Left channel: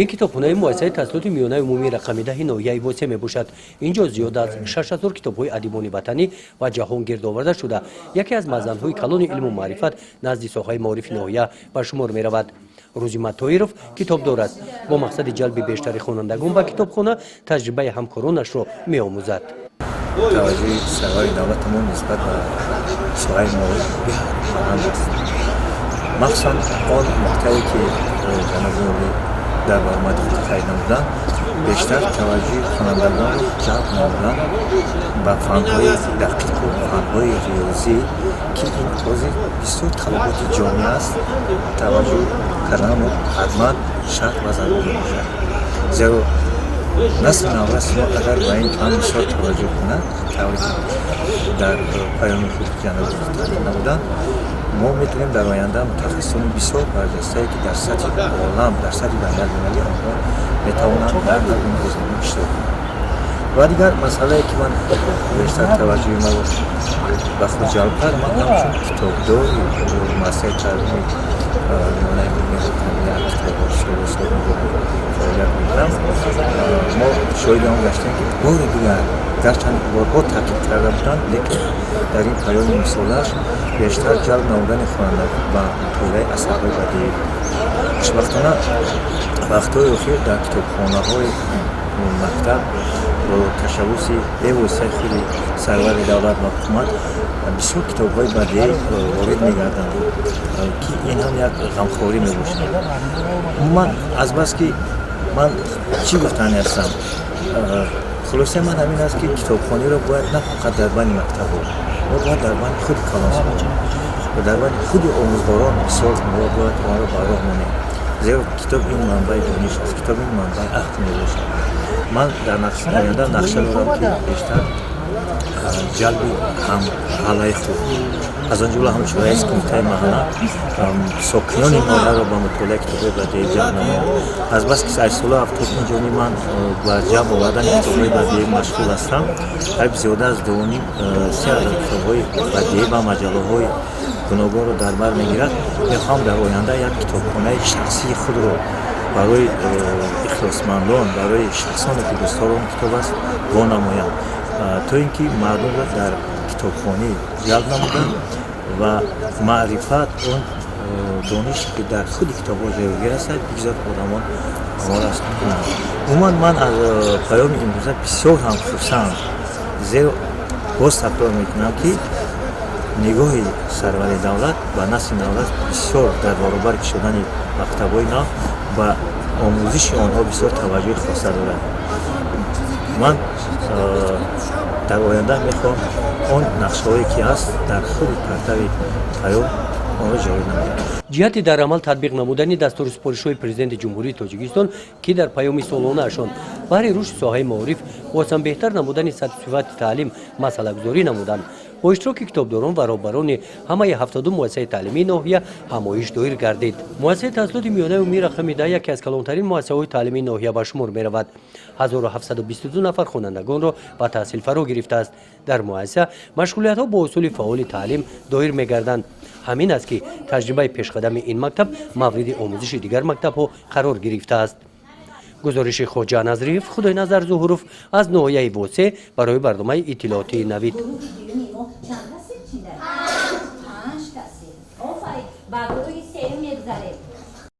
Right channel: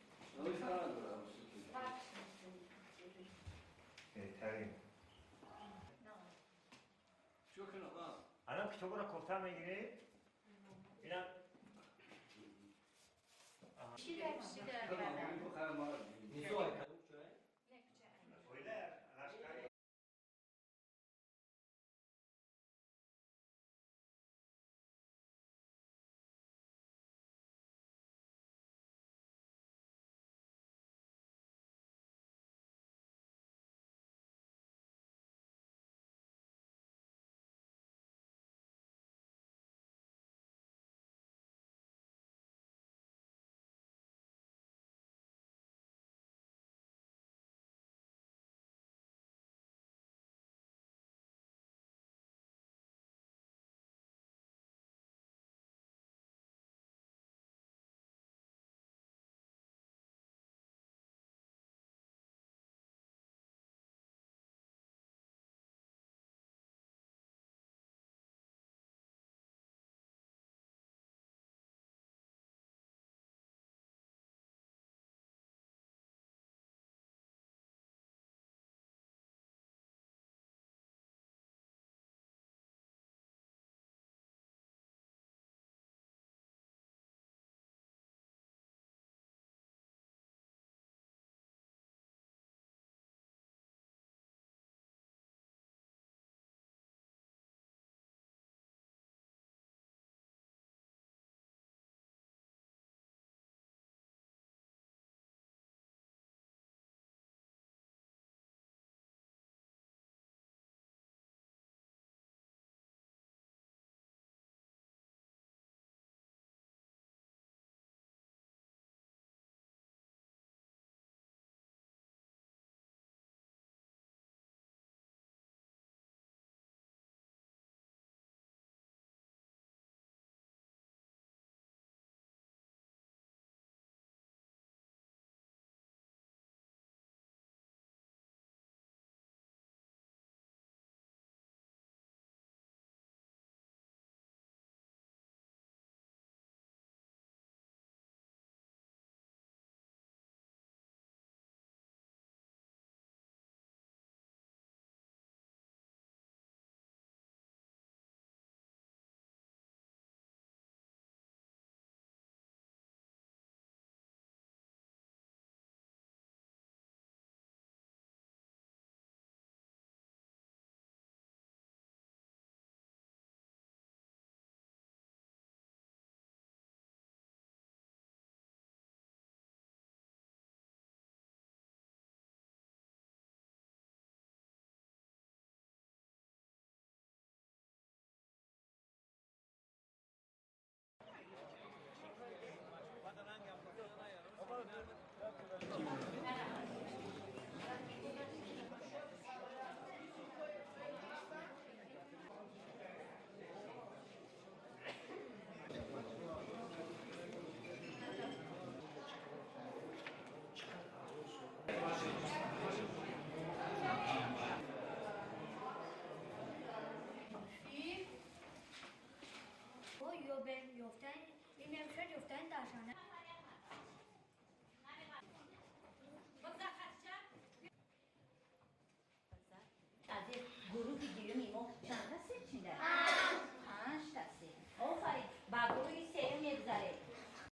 این کتابخانه مؤسسه تسلط میانه عمومی رقم 10 ناحیه وسه میباشد. اینجا زیاد از 6000 کتاب‌های ادیبان وطنی و جهان گرد آورده شده. یکی از مزن‌های کلان علم و معرفت نزد ساحه معارف ناحیه به شمار می‌رود. روزیمت طاهرов کتابدار است. با مقصد جلب بیشتر خوانندگان به کتابخانه تجربه همکارانش را می‌آموزد. توجه سرای دولتمون نسبت به ساحه معارف بسیار است. مخصوصاً آن مقطعی که به نظر در برآمد خیلی نمودن بیشتر توجه خوانندگان جلب نمودن به فن‌های دقیق و فن‌های ریاضی که این حوزه بسیار طلبات جامعه است توجه کردن حتما شرط و ضروری می‌باشد. زیرا نسل نوست ما اگر به این فن بسیار توجه کند طوری در پایان خود جناب تعلیم نمودن ما میتونیم در آینده متخصصان بسیار برجسته که در سطح عالم در سطح بین‌المللی آنها میتوانند در هر گونه زمینه اشتراک کنند. و دیگر مسئله که من بیشتر توجه ما به خود جلب کرد من همچون کتابدار مؤسسه تعلیمی میانه عمومی رقم 10 کتابخانه فعالیت میکنم. ما شاهد آن گشتیم که بار دیگر گرچند بارها تاکید کرده بودند لیکن در این پیام سالش بیشتر جلب نمودن خوانندگان و مطالعه اثرهای بدیعی خوشبختانه وقت‌های اخیر در کتابخانه‌های مکتب با تشبث وسیع خود سرور دولت و حکومت بسیار کتاب‌های بدیعی وارد می‌گردند که این هم یک غمخواری می‌باشد. من از بس که من چی گفتنی هستم خلاصه من همین است که کتابخانه را باید نه فقط در بین مکتب ما باید در بین خود کلاس و در بین خود آموزگاران بسیار باید آن را به راه مانیم. زیرا کتاب این منبع دانش است، کتاب این منبع عقل میباشد. من در آینده نقشه دارم که بیشتر جلب هم حلای خود از آن جمله هم رئیس کمیته محله ساکنان این محله را به مطالعه کتاب‌های بدیعی جلب نمایم. از بس که از سال 75 من با جلب آوردن کتاب‌های بدیعی مشغول هستم. قریب زیاده از 2,500 کتاب‌های بدیعی و مجله‌های گوناگون را در بر میگیرد. میخوام در آینده یک کتابخانه شخصی خود را برای اخلاصمندان برای شخصانی که دوستداران کتاب است وانمایم تا اینکه مردم را در کتابخانه جلب نمودن و معرفت اون دانشی که در خود کتاب‌ها جایگیر است بگذار آدمان آمار است کنند. عموما من از پیام امروزه بسیار هم خرسند زیرا باز تکرار میکنم که نگاه سرور دولت و نسل دولت بسیار در برابر شدن مکتب‌های نو و آموزش آنها بسیار توجه خاصه دارد. من در آینده میخوام آن نقشه‌هایی که هست در خود پرتو پیام آن را جاری نمایم. جهت در عمل تطبیق نمودن دستور سپارش‌های پرزیدنت جمهوری تاجیکستان که در پیام سالانه اشان برای رشد ساحه معارف و بهتر نمودن سطح صفت تعلیم مسئله گذاری نمودند. با اشتراک کتابداران و رهبران همه 72 مؤسسه تعلیمی ناحیه همایش دایر گردید. مؤسسه تسلط میانه عمومی رقم 10 یکی از کلانترین مؤسسه‌های تعلیمی ناحیه به شمار می‌رود. 1722 نفر خوانندگان را به تحصیل فرا گرفته است. در مؤسسه مشغولیت‌ها با اصول فعال تعلیم دایر می‌گردند. همین است که تجربه پیشقدم این مکتب مورد آموزش دیگر مکتب‌ها قرار گرفته است. گزارش خوجا نظریف خدای نظر ظهوروف از ناحیه وسه برای برنامه اطلاعاتی نوید.